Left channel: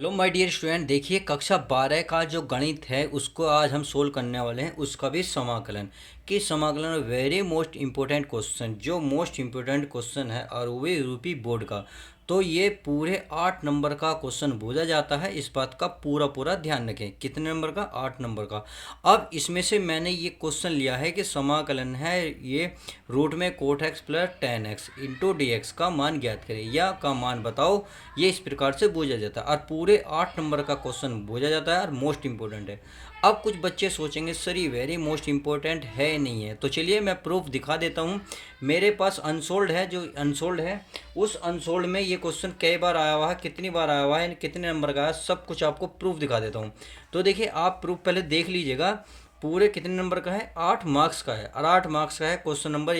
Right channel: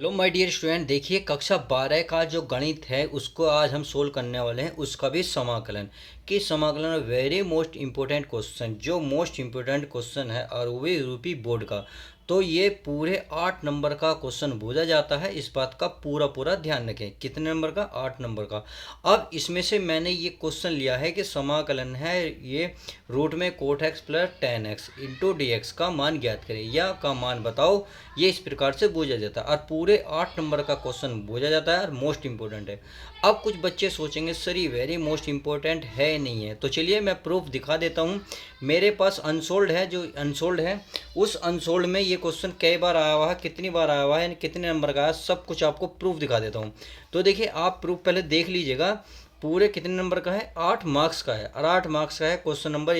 Hello my dear student, देखिए कक्षा 12 का जो गणित है उसको आज हम सोल्व करने वाले हैं। उसका भी समाकलन कि समाकलन वेरी मोस्ट इम्पोर्टेंट क्वेश्चन, जो मोस्ट इम्पोर्टेंट क्वेश्चन है और वो भी यूपी बोर्ड का। तो ये पूरे 8 नंबर का क्वेश्चन पूछा जाता है। इस बात का पूरा पूरा ध्यान रखें। कितने नंबर का? 8 नंबर का। अब इसमें से मैंने ये क्वेश्चन लिया है कि समाकलन है ये रूट में कोट x plus ten x into d x का मान ज्ञात करें या का मान बताओ। ये इस प्रकार से पूछा जाता है और पूरे 8 नंबर का क्वेश्चन पूछा जाता है और मोस्ट इंपॉर्टेंट है। अब कुछ बच्चे सोचेंगे सर ये वेरी मोस्ट इंपॉर्टेंट है नहीं है, तो चलिए मैं प्रूफ दिखा देता हूँ। मेरे पास अनसोल्ड है, जो अनसोल्ड है उस अनसोल्ड में ये क्वेश्चन कई बार आया हुआ है, कितनी बार आया हुआ है, कितने नंबर का है, सब कुछ आपको प्रूफ दिखा देता हूँ। तो देखिए आप प्रूफ पहले देख लीजिएगा। पूरे कितने नंबर का है? 8 मार्क्स का है और 8 मार्क्स का है। क्वेश्चन नंबर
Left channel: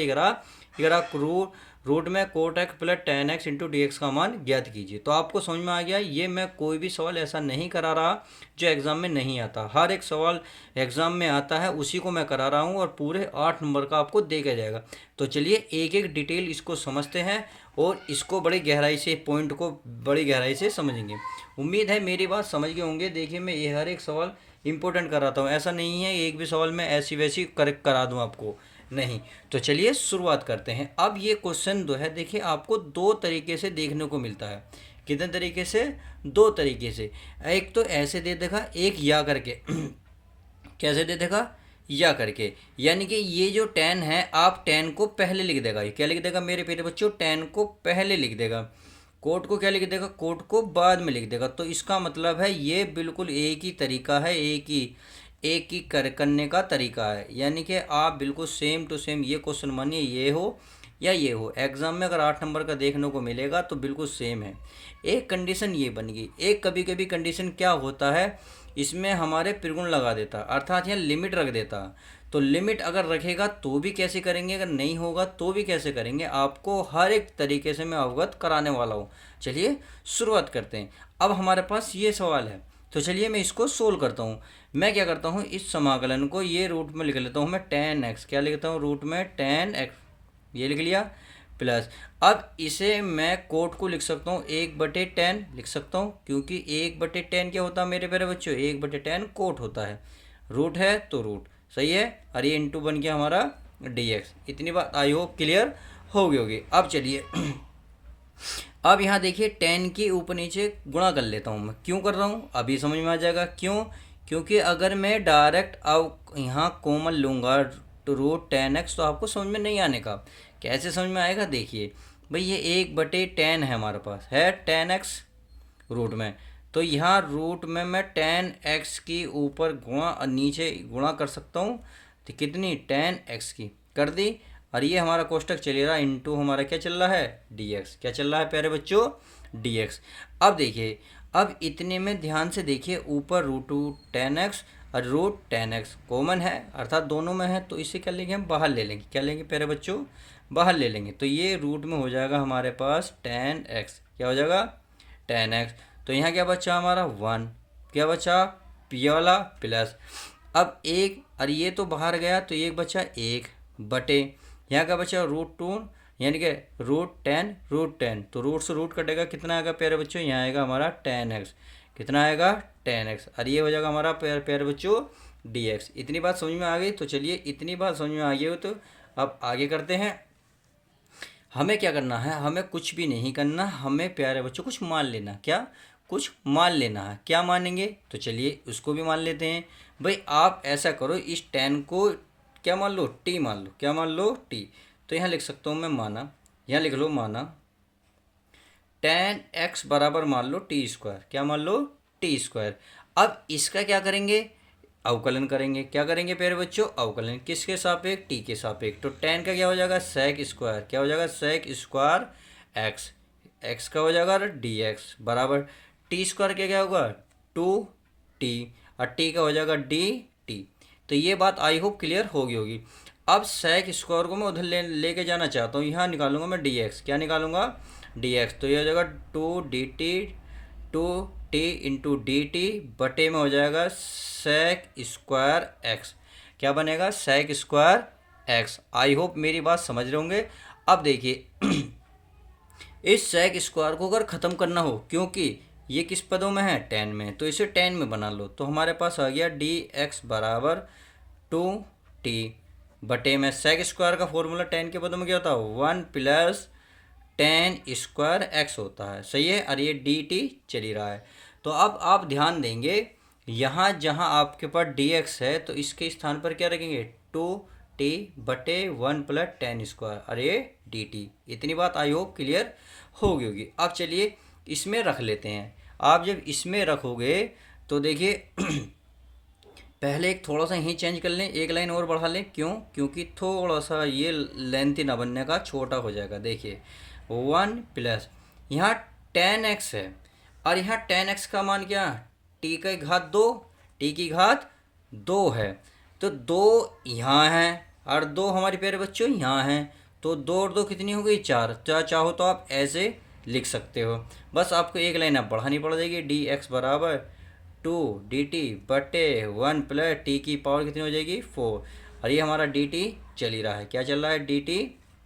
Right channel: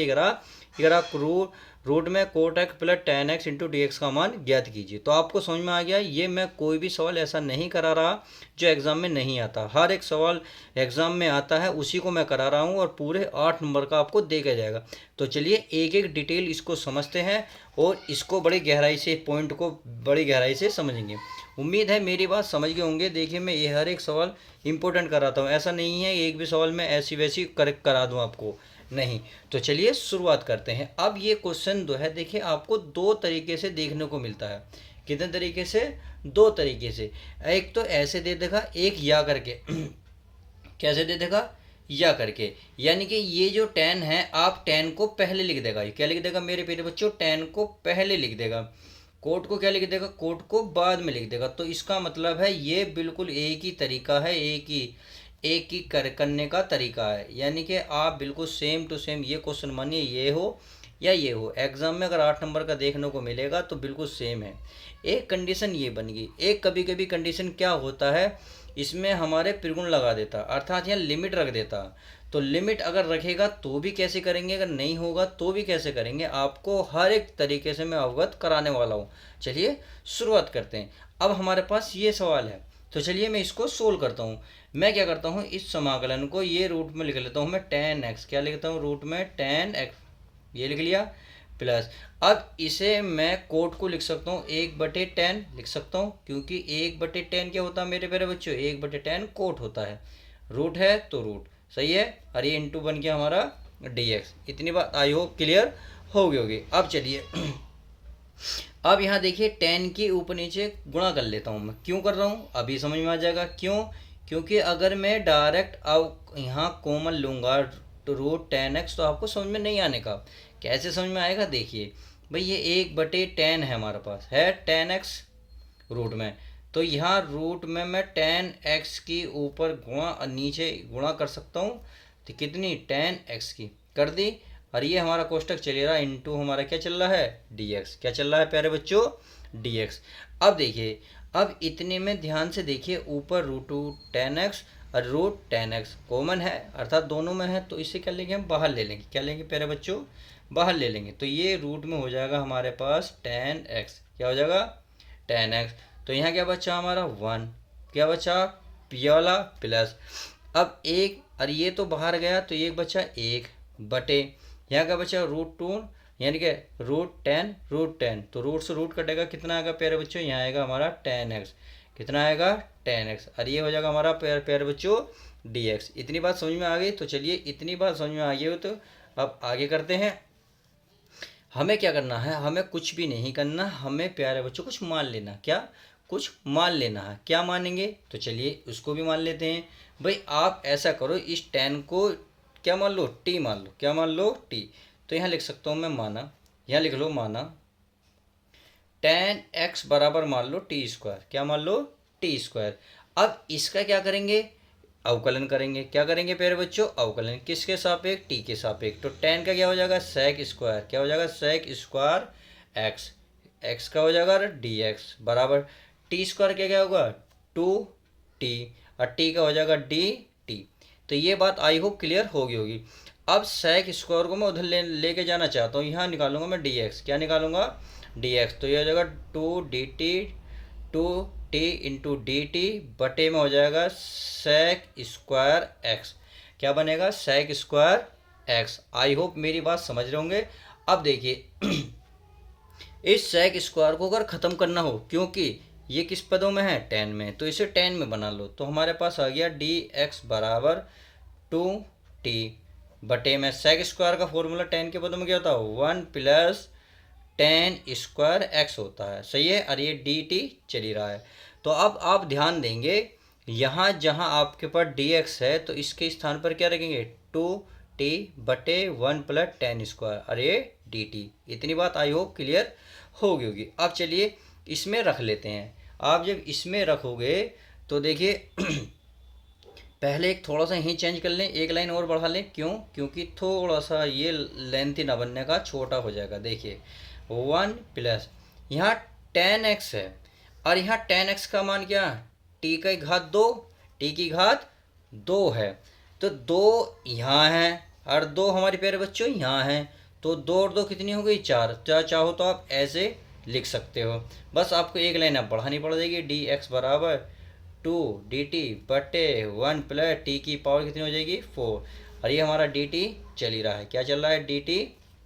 11 रूट में कोट x plus ten x into d x का मान ज्ञात कीजिए। तो आपको समझ में आ गया। ये मैं कोई भी सवाल ऐसा नहीं करा रहा जो एग्ज़ाम में नहीं आता। हर एक सवाल एग्ज़ाम में आता है, उसी को मैं करा रहा हूँ और पूरे 8 नंबर का आपको देखा जाएगा। तो चलिए एक एक डिटेल इसको समझते हैं और इसको बड़ी गहराई से, पॉइंट को बड़ी गहराई से समझेंगे। उम्मीद है मेरी बात समझ गए होंगे। देखिए मैं ये हर एक सवाल इंपॉर्टेंट कराता हूँ, ऐसा नहीं है एक भी सवाल में ऐसी वैसी करेक्ट करा दूँ आपको, नहीं। तो चलिए शुरुआत करते हैं। अब ये क्वेश्चन जो है देखिए आपको दो तरीके से देखने को मिलता है। कितने तरीके से? दो तरीके से। एक तो ऐसे दे देगा, एक या करके कैसे दे देगा? या करके। यानी कि ये जो टेन है, आप टेन को पहले लिख देगा। ये क्या लिख देगा मेरे प्यारे बच्चों? टेन को पहले लिख देगा। कोट को क्या लिख देगा? कोट को बाद में लिख देगा। तो इसका मतलब है ये बिल्कुल एक ही तरीका है, एक ही करने का तरीका है। यानी कि आप बिल्कुल सेम टू सेम ये क्वेश्चन मानिए ये हो या ये हो, एग्जाम में अगर 8 नंबर का देखने को मिलेगा तो बिल्कुल सेम है। एक कंडीशन ये बन गई। एक कभी कभी कंडीशन क्या होता है, इसमें हमारे त्रिगुण लगा देता, अर्थात यहाँ लिमिट रख देता। तो लिमिट अगर रखेगा तो भी कैसे करेंगे, अगर नहीं होगा तो भी कैसे करेंगे, आपको हर एक तरीके से मैं अवगत कराने वाला हूँ। चलिए शुरुआत करते हैं। अब हमारे पास ये सवाल है, तो चलिए मैं इसको सोल्व करता हूँ। मैं क्या करता हूँ, इस समाकलन को ये रूट में लिख लेता हूँ मैं टेन एक्स। क्या लिखता हूँ? रूट में टेन एक्स, ये लिख लिया, प्लस। अब इसे मैं कोट को लिख सकता हूँ 1/10 लिख सकता हूँ, क्योंकि 1/10 क्या होता है मेरे प्यारे बच्चों? 1/10 कोट होता है। रूट है तो रूट, सही है। और ये इंटू बन गया हमारा dx। इतनी बात आई होप क्लियर हो गई होगी। अब चलिए अब यहाँ देखिए 10 के ऊपर नीचे गुणा कर लेता हूँ मैं। क्यों कर रहा हूँ अभी समझ में आ जाएगा क्यों। क्योंकि अगर मैं डायरेक्ट अब यहाँ कॉमन लूँगा तो रूट 10x, तो आपको समझ में नहीं आने का। कैसे समझ में आएगा? देखिए भाई ये 1/10 है हमारे पास, है 10x रूट में। तो यहाँ रूट में मैं 10x की ऊपर गुणा और नीचे गुणा कर सकता हूँ। तो कितनी? 10x की कर दी। और ये हमारा कोष्टक चल रहा इंटू हमारा क्या चल रहा है? dx। क्या चल रहा है प्यारे बच्चों? dx। अब देखिए, अब इतने में ध्यान से देखिए, ऊपर रूट टू 10x और रूट 10x कॉमन है, अर्थात दोनों में है। तो इसे क्या लेंगे हम? बाहर ले लेंगे। क्या लेंगे प्यारे बच्चों? बाहर ले लेंगे। तो ये रूट में हो जाएगा हमारे पास 10x। क्या हो जाएगा? 10x। तो यहाँ क्या बचा हमारा? 1। क्या बचा? पी वाला प्लस। अब एक, और ये तो बाहर गया तो एक बचा 1 बटे, यहाँ का बचा रूट 2, यानी कि रूट 10। तो रूट से रूट कटेगा, कितना आएगा प्यारे बच्चों? यहाँ आएगा हमारा 10x। कितना आएगा? 10x। और ये हो जाएगा हमारा प्यारे बच्चों dx। इतनी बात समझ में आ गई। तो चलिए इतनी बात समझ में आ गई हो तो अब आगे करते हैं। हमें क्या करना है? हमें कुछ भी नहीं करना, हमें प्यारे बच्चों कुछ मान लेना। क्या? कुछ मान लेना है। क्या मानेंगे? तो चलिए उसको भी मान लेते हैं। भाई आप ऐसा करो, इस 10 को क्या मान लो? टी मान लो। क्या मान लो? टी। तो यहाँ लिख सकता हूँ मैं माना, यहाँ लिख लो माना 10x बराबर मान लो t²। क्या मान लो? t²। अब इसका क्या करेंगे? अवकलन करेंगे। क्या करेंगे प्यारे बच्चों? अवकलन। किसके सापेक्ष? टी के सापेक्ष। तो 10 का क्या हो जाएगा? Sec square. क्या हो जाएगा? Sec square x. एक्स का हो जाएगा dx बराबर t² क्या क्या होगा? 2t। और टी का हो जाएगा dt। तो ये बात आई होप क्लियर होगी होगी। अब सेक स्क्वायर को मैं उधर लेके जाना चाहता हूँ, यहाँ निकालूंगा मैं dx। क्या निकालूंगा? dx। तो ये हो जाएगा 2dt, 2t into D T बटे में हो जाएगा सेक स्क्वायर एक्स। क्या बनेगा? Sec square x. I hope मेरी बात समझ रहे होंगे। अब देखिए इस सेक स्क्वायर को अगर ख़त्म करना हो, क्योंकि ये किस पदों में है, 10 में, तो इसे 10 में बना लो। तो हमारे पास आ गया डी एक्स बराबर 2t बटे में सेक स्क्वायर का फॉर्मूला 10 के पदों में क्या होता है, 1 प्लस 10 स्क्वायर एक्स होता है। सही है, और ये डी टी चल ही रहा है। तो अब आप ध्यान देंगे, यहाँ जहाँ आपके पास डी एक्स है तो इसके स्थान पर क्या रखेंगे, 2t बटे 1 प्लस 10 स्क्वायर, और ये डी टी। इतनी बात आई होप क्लियर होगी। अब चलिए इसमें रख लेते हैं। आप जब इसमें रखोगे तो देखिए पहले एक थोड़ा सा ही चेंज कर लें, एक लाइन और बढ़ा लें। क्यों, क्योंकि थोड़ा सा ये लेंथी ना बनने का, छोटा हो जाएगा। देखिए 1 प्लस यहाँ 10x है, और यहाँ 10x का मान क्या है, t की घात 2, t की घात 2 है। तो 2 यहाँ है और 2 हमारे प्यारे बच्चों यहाँ हैं। तो 2 और 2 कितनी हो गई, 4। चाहो तो आप ऐसे लिख सकते हो। बस आपको एक लाइन अब बढ़ानी पड़ जाएगी, डी एक्स बराबर 2 dt बटे 1 प्लस टी की पावर कितनी हो जाएगी, 4। और ये हमारा dt चल ही रहा है। क्या चल रहा है, dt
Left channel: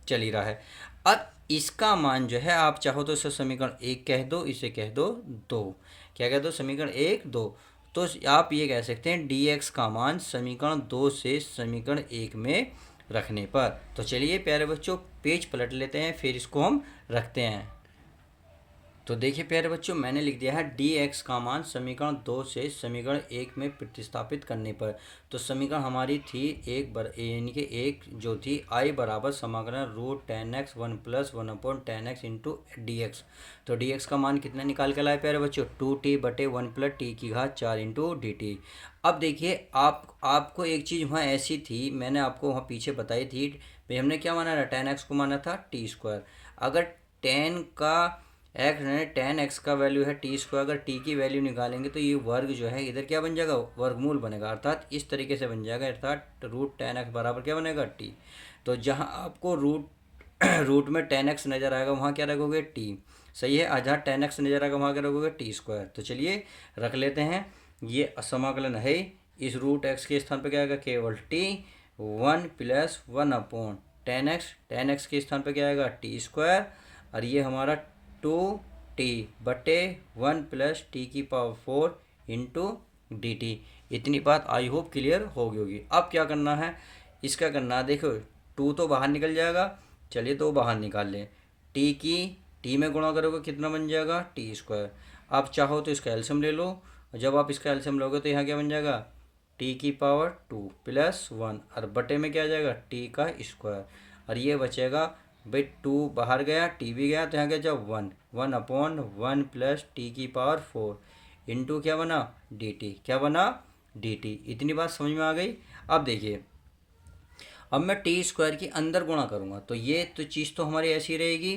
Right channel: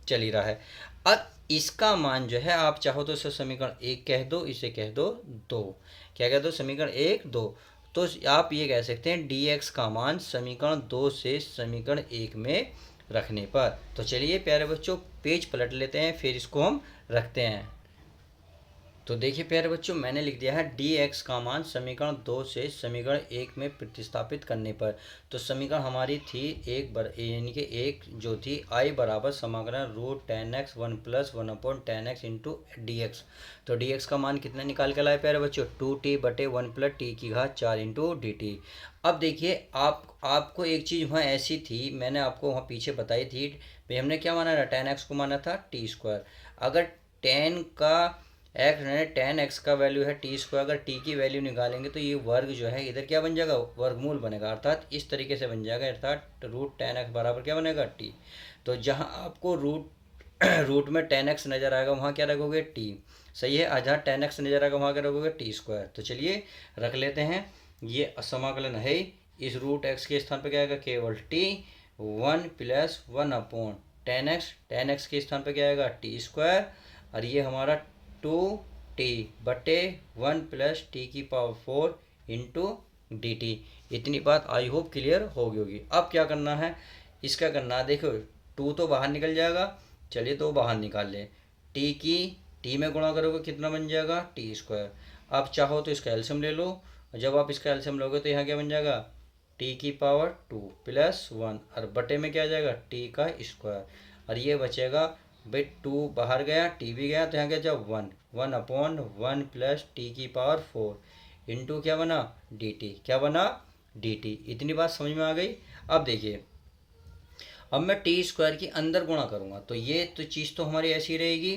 चल ही रहा है। अब इसका मान जो है, आप चाहो तो इसे समीकरण 1 कह दो, इसे कह दो 2। क्या कह दो, समीकरण 1 2। तो आप ये कह सकते हैं dx का मान समीकरण 2 से समीकरण 1 में रखने पर। तो चलिए प्यारे बच्चों पेज पलट लेते हैं, फिर इसको हम रखते हैं। तो देखिए प्यारे बच्चों, मैंने लिख दिया है डी एक्स का मान समीकरण 2 से समीकरण 1 में प्रतिस्थापित करने पर। तो समीकरण हमारी थी यानी कि एक जो थी आई बराबर समाकलन root 10x 1 plus 1/10x into d x. तो डी एक्स का मान कितना निकाल के लाए प्यारे बच्चों, 2t बटे 1 प्लस टी की घात 4 इंटू डी टी। अब देखिए आपको एक चीज़ वहाँ ऐसी थी, मैंने आपको वहाँ पीछे बताई थी भाई, हमने क्या माना था, 10x को माना था टी स्क्वायर। अगर 10 का एक्स 10x का वैल्यू है टी स्क्वायर, अगर टी की वैल्यू निकालेंगे तो ये वर्ग जो है इधर क्या बन जाएगा, वर्गमूल बनेगा, अर्थात इस तरीके से बन जाएगा, अर्थात रूट 10x बराबर क्या बनेगा, टी। तो जहाँ आपको रूट में 10x नज़र आएगा वहाँ क्या रखोगे, टी। सही है, जहाँ 10x नज़र आएगा वहाँ क्या रखोगे, टी स्क्वायर। तो चलिए रख लेते हैं, ये समाकलन है, इस रूट एक्स के स्थान पर क्या आएगा, केवल टी। 1 प्लस 1/10x, 10x के स्थान पर क्या आएगा, टी स्क्वायर, और ये हमारा 2t बटे 1 प्लस टी की पावर 4 इंटू डी टी। इतनी बात आई होप क्लियर होगी। अब क्या करना है, इसका करना है, देखो 2 तो बाहर निकल जाएगा, चलिए तो बाहर निकाल लें। टी में गुणा करोगे कितना बन जाएगा, टी स्क्वायर। आप चाहो तो इसका एलसीएम ले लो, और जब आप इसका एलसीएम लोगे तो यहाँ क्या बन जाएगा, टी की पावर 2 प्लस 1, और बटे में क्या आ जाएगा, टी का स्क्वायर, और ये बचेगा भाई 2 बाहर गया, टी भी गया, तो यहाँ क्या जाए 1/1 प्लस टी की पावर 4 इंटू क्या बना, डी टी। क्या बना, डी टी। इतनी बात समझ में आ गई। अब देखिए, अब मैं टी स्क्वायर की अंदर गुणा करूँगा, तो ये तो चीज़ तो हमारी ऐसी रहेगी,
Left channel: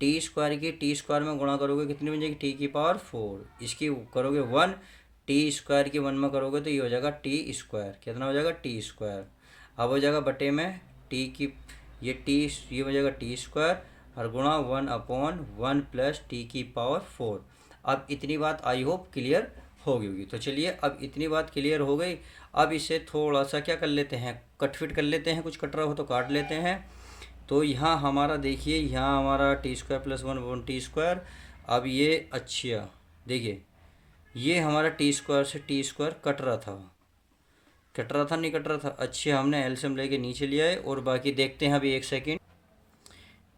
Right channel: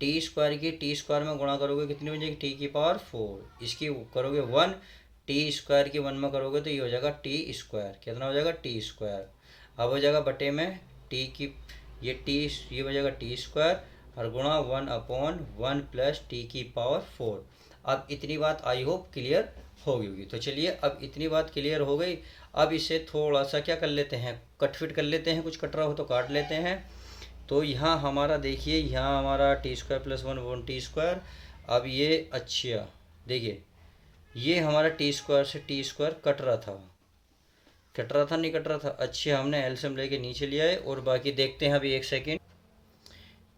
टी स्क्वायर की टी स्क्वायर में गुणा करोगे कितनी बन जाएगी, टी की पावर 4, इसकी करोगे 1, टी स्क्वायर की 1 में करोगे तो ये हो जाएगा टी स्क्वायर। कितना हो जाएगा, टी स्क्वायर। अब हो जाएगा बटे में टी की ये हो जाएगा टी स्क्वायर, और गुणा 1/1 प्लस टी की पावर 4। अब इतनी बात आई होप क्लियर होगी। तो चलिए अब इतनी बात क्लियर हो गई। अब इसे थोड़ा सा क्या कर लेते हैं, कट फिट कर लेते हैं, कुछ कट रहा हो तो काट लेते हैं। तो यहाँ हमारा देखिए, यहाँ हमारा T square plus 1 T square. अब ये अच्छा देखिए, ये हमारा टी स्क्वायर से टी स्क्वायर कट रहा था, नहीं कट रहा था। अच्छे, हमने एलसीएम लेके नीचे लिया है, और बाकी देखते हैं अभी, एक सेकेंड।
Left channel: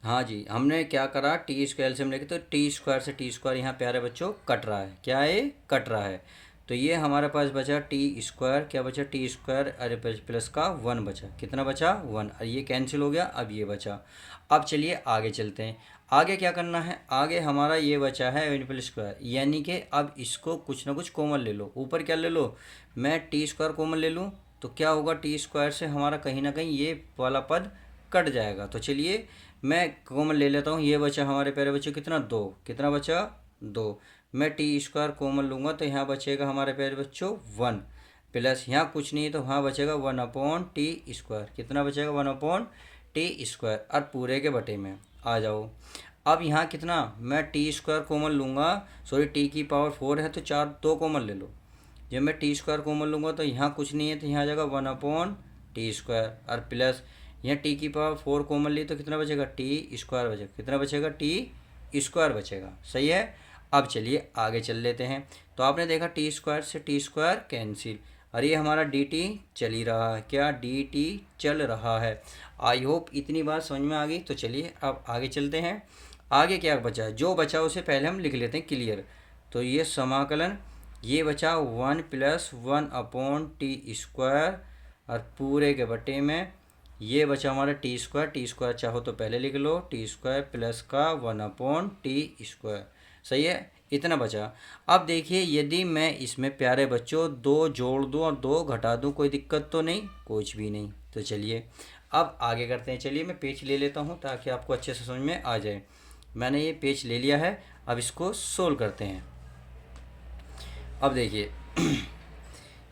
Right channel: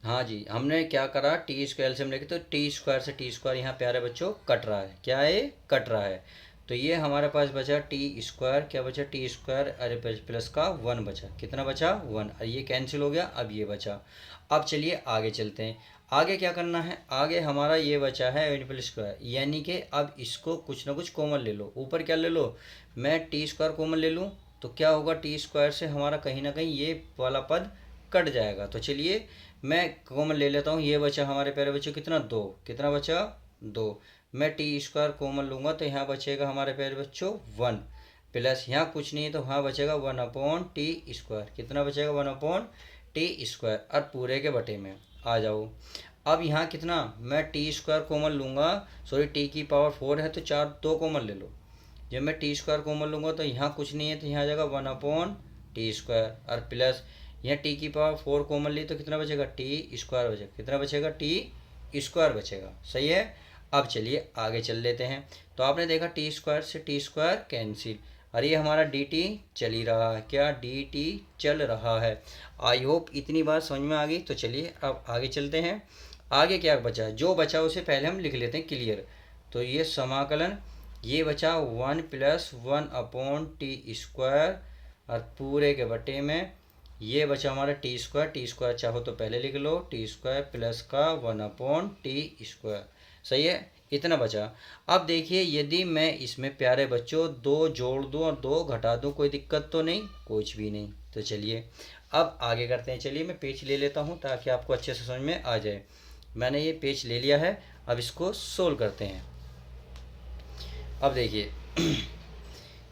हाँ जी, हमने क्या करा, टी स्क्वायर एलसीएम लेके, तो टी स्क्वायर से टी स्क्वायर यहाँ प्यारे बच्चों कट रहा है। क्या है, कट रहा है। तो ये हमारे पास बचा टी स्क्वायर, क्या बचा, टी स्क्वायर, अरे प्लस का 1 बचा। कितना बचा, 1, और ये कैंसिल हो गया, अब ये बचा। अब चलिए आगे चलते हैं। आगे क्या करना है, आगे हमारा ये बचा है n प्लस स्क्वायर, यानी कि अब इसको कुछ ना कुछ कॉमन ले लो। ऊपर क्या ले लो, मैं टी स्क्वायर कॉमन ले लूँ, तो क्या होगा, टी स्क्वायर से हमारा कहीं ना कहीं ये वाला पद कट जाएगा। तो चलिए मैं कॉमन ले लेता हूँ, ये बचा हमारे प्यारे बच्चों कितना, 2। कितना बचा, 2। मैं टी स्क्वायर कॉमन लूँगा तो यहाँ बचेगा हमारे प्यारे बच्चों 1, प्लस यहाँ कुछ नहीं है तो वहाँ बचेगा 1/टी स्क्वायर। कितना बचेगा, 1/टी स्क्वायर, और पूरे के बटे में आ जाओ। अब यहाँ कितना, मैं टी स्क्वायर कॉमन लूँगा, सॉरी टी की पावर 4 है तो 2 कॉमन ले लो। जब मैं टी स्क्वायर कॉमन लूँगा तो यहाँ कुछ नहीं है तो यहाँ आ जाएगा 1/टी स्क्वायर, और प्लस यहाँ टी की पावर 4 कॉमन ली तो कितना बचेगा, टी स्क्वायर बचेगा। कितना बचेगा, टी स्क्वायर बचेगा। सही है। अब चलिए आगे चल लेते हैं। तो आपने देखा टी स्क्वायर से टी स्क्वायर कैंसिल, और ये हमारा डी टी चल ही रहा है, क्या डी टी चल रहा है। आई होप इतनी बात समझ में आ गई। तो चलिए अब आगे चलते हैं। आगे क्या बचा, जो बचा उसे पहले हम लिख लेते हैं क्लियर। तो ये समाकलन, ये बचा 1+1/t² और पूरे के बटे में ये बचा हमारा टी स्क्वायर चाहो तो पहले लिख लो, टी स्क्वायर प्लस का 1/t²। सही है, इतना बचा। अब देखिए यदि मैं इसमें प्यारे बच्चों दो जोड़ दूँ और दो घटा दूँ, कोई दिक्कत तो नहीं, कुछ भी नहीं। तो चलिए अब आगे करते हैं। चलिए मैं पेज ले लेता हूँ ताकि आपको अच्छे से समझ में आ जाए। मैंने ये पेज ले लिया है, अब इसको सोल्व करते हैं। अब देखिए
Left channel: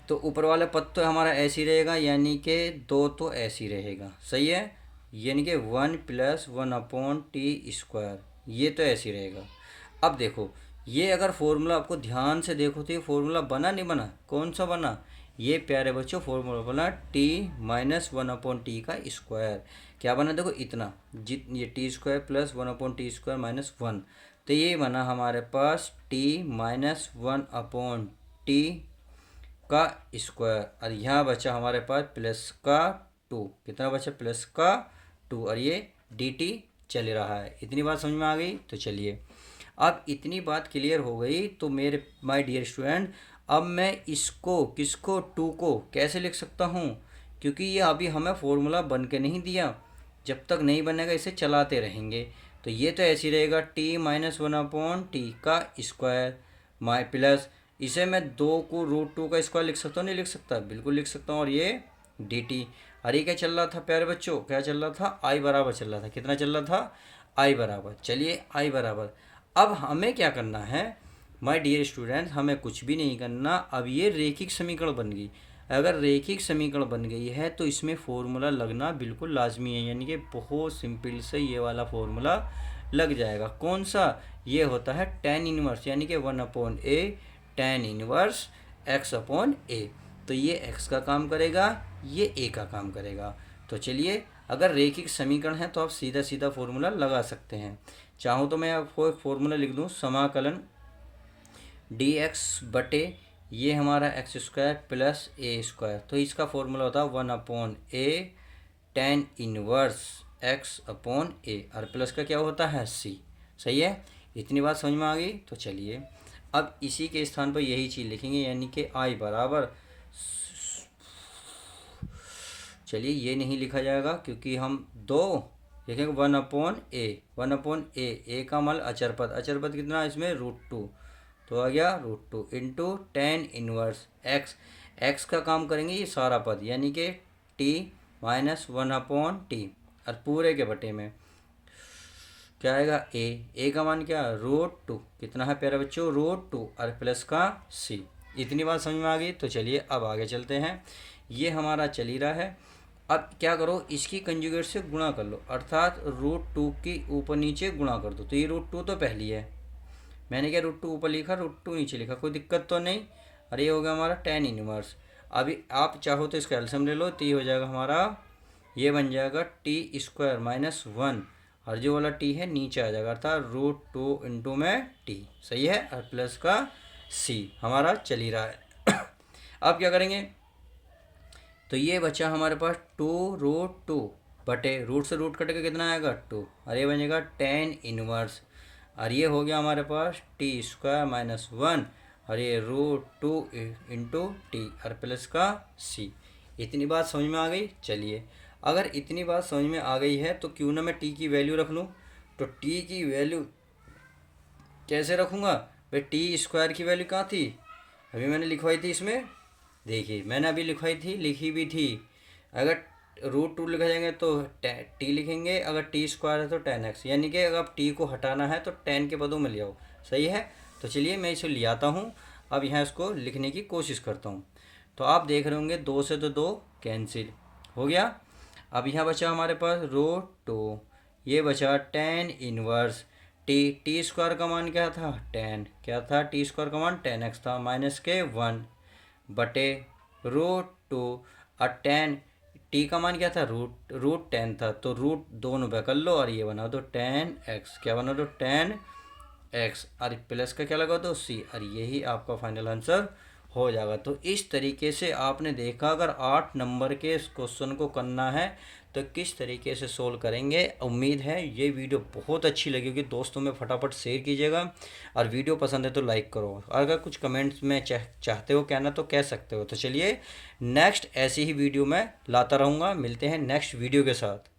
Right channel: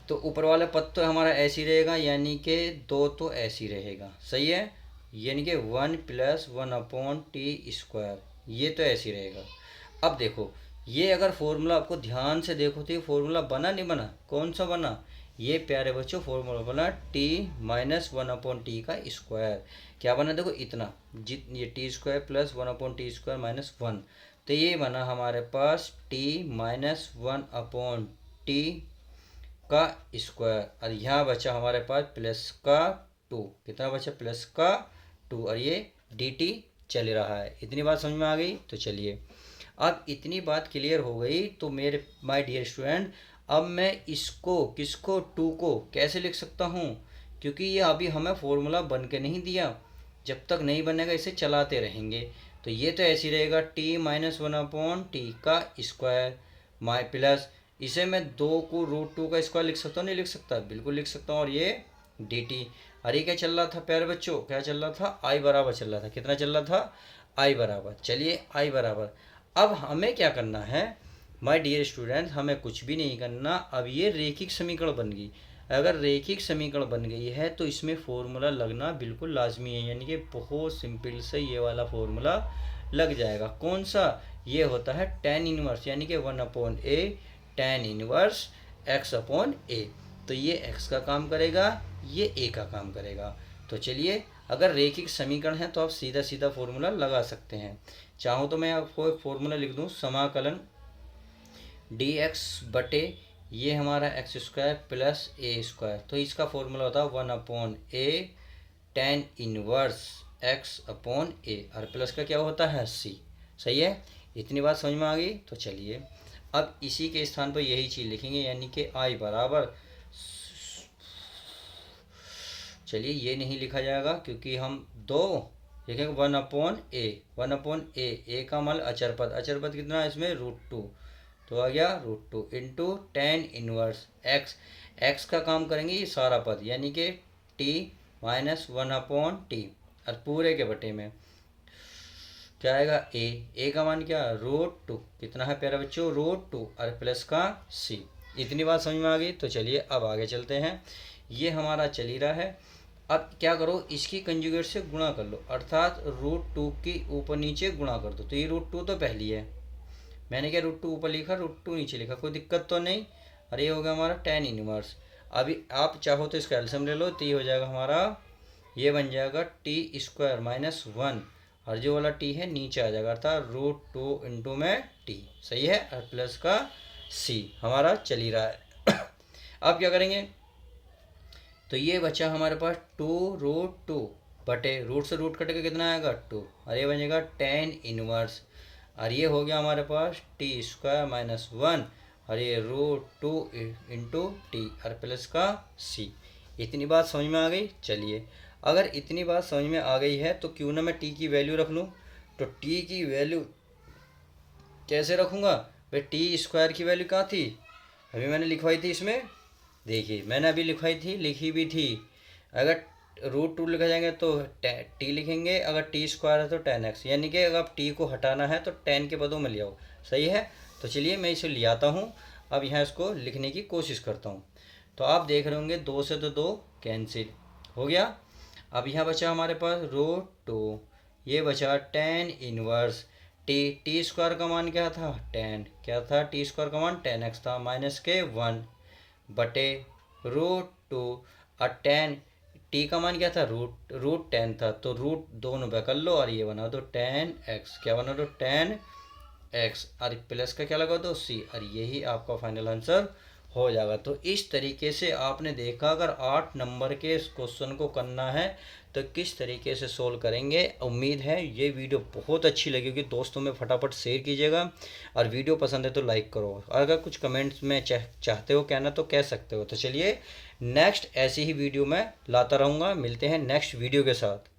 तो ऊपर वाला पद तो हमारा ऐसे ही रहेगा, यानी कि दो तो ऐसे ही रहेगा। सही है, यानी कि 1+1/t², ये तो ऐसे ही रहेगा। अब देखो ये अगर फॉर्मूला आपको ध्यान से देखो तो ये फॉर्मूला बना नहीं बना, कौन सा बना, ये प्यारे बच्चों फॉर्मूला बना t−1/t²। क्या बना देखो इतना, जित ये t² + 1/t² - 1, तो ये बना हमारे पास t−1/t का स्क्वायर, और यहाँ बचा हमारे पास प्लस का 2। कितना बचा, प्लस का 2, और ये डी टी चल रहा है। इतनी बात समझ में आ गई। तो चलिए अब इतनी बात क्लियर हो गई तो मेरे माय डियर स्टूडेंट, अब मैं इसको किसको 2 को कैसे लिख सकता हूँ, क्योंकि ये अभी हमें फॉर्मूला बन के नहीं दिया, जब तक नहीं बनेगा इसे चलाते रहेंगे। तो ये तो ऐसे ही रहेगा t−1/t का स्क्वायर माई प्लस, इसे मैं 2 को √2 का स्क्वायर लिख सकता हूँ, नहीं लिख सकता, बिल्कुल लिख सकता हूँ। और ये डी टी, अरे क्या चल रहा था प्यारे बच्चों, क्या चल रहा था, आई बराबर चल रहा था। कितना चल रहा था, आई बराबर। चलिए आई बराबर, अब हमें क्या करना है माय डियर स्टूडेंट, हमें कुछ भी नहीं करना। अब ये रेखिक समीकरण बन गई। अगर रेखिक समीकरण बन गई है तो इसमें फॉर्मूला लगना बिल्कुल लाजमी है, यानी कि बहुत सिंपल से ये वाला फॉर्मूला लग जाएगा। कौन सा, ये होता है tan इनवर्स, यानी कि 1/a tan इनवर्स x/a। तो ये x का काम करेगा, ये a का काम करेगा। तो चलिए अगर रेखिक समीकरण है तो आप सीधा सीधा फॉर्मूला लगा सकते हैं। चाहो तो मैं आपको एक फॉर्मूला लिख दूं, समाकलन dx बटे ये हमारा x² + a², तो इसका फॉर्मूला होता है 1/a tan इनवर्स x/a, और प्लस का क्या होता है c। सही है, इतनी बात समझ में आ गई। तो चलिए अब इसी के स्थान पर यही चीज़ लिखेंगे, यानी कि i बराबर, चलिए ये नहीं लिखा जाएगा क्योंकि हम दो लिखेंगे 1/a। ए का मान अचर पद, अचर पद कितना इसमें √2, तो आ गया √2 into tan inverse x। x का काम करेंगे ये सारा पद, यानी कि t−1/t, और पूरे के बटे में क्या आएगा, a का मान क्या, √2, कितना है प्यारे बच्चों, √2, और प्लस का c। इतनी बात समझ में आ गई। तो चलिए अब आगे चलते हैं। ये हमारा चल ही रहा है। अब क्या करो, इसकी कंजुगेट से गुणा कर लो, अर्थात √2 की ऊपर नीचे गुणा कर दो। तो ये √2 तो पहली है, मैंने क्या √2 ऊपर लिखा, √2 नीचे लिखा, कोई दिक्कत तो नहीं। अरे ये हो गया हमारा tan इनवर्स। अभी आप चाहो तो इसका एल्सियम ले लो, तो ये हो जाएगा हमारा, ये बन जाएगा t² - 1, और जो वाला t है नीचे आ जाएगा, अर्थात √2 इंटू में t। सही है, और प्लस का c हमारा चल ही रहा है। अब क्या करेंगे, तो ये बचा हमारे पास 2√2 बटे रूट से रूट कट के कितना आएगा 2, और ये बनेगा tan इनवर्स, और ये हो गया हमारे पास t² - 1, और ये √2 इंटू टी, और प्लस का c। इतनी बात समझ में आ गई। चलिए अगर इतनी बात समझ में आ गई है तो क्यों ना मैं t की वैल्यू रख लूँ। तो t की वैल्यू कैसे रखूँगा भाई, t² की वैल्यू कहाँ थी, अभी मैंने लिखवाई थी इसमें, देखिए मैंने अभी लिखी भी थी। अगर √2 लिखा जाएंगे तो टी लिखेंगे, अगर t² है तो tan x, यानी कि अगर t को हटाना है तो tan के पदों में ले आओ। सही है, तो चलिए मैं इसे ले आता हूँ। अब यहाँ इसको लिखने की कोशिश करता हूँ। तो आप देख रहे होंगे 2 से तो 2 कैंसिल हो गया। अब यहाँ बचा हमारे पास √2, ये बचा tan इनवर्स t² का मान क्या था, tan, क्या था t² का मान tan x था, -1 बटे √2, और tan t का मान क्या था, √10 था, तो रूट दोनों पे कर लो, और ये बना दो tan x, क्या बना दो tan एक्स, और प्लस का क्या लगा दो सी, और यही आपका फाइनल आंसर हो जाएगा। तो इस तरीके से आपने देखा, अगर 8 नंबर के इस क्वेश्चन को करना है तो किस तरीके से सोल्व करेंगे। उम्मीद है ये वीडियो बहुत अच्छी लगी होगी, दोस्तों में फटाफट शेयर कीजिएगा, और वीडियो पसंद है तो लाइक करो। अगर कुछ कमेंट्स में चाहते हो कहना तो कह सकते हो। तो चलिए नेक्स्ट ऐसी ही वीडियो मैं लाता रहूँगा, मिलते हैं नेक्स्ट वीडियो के साथ।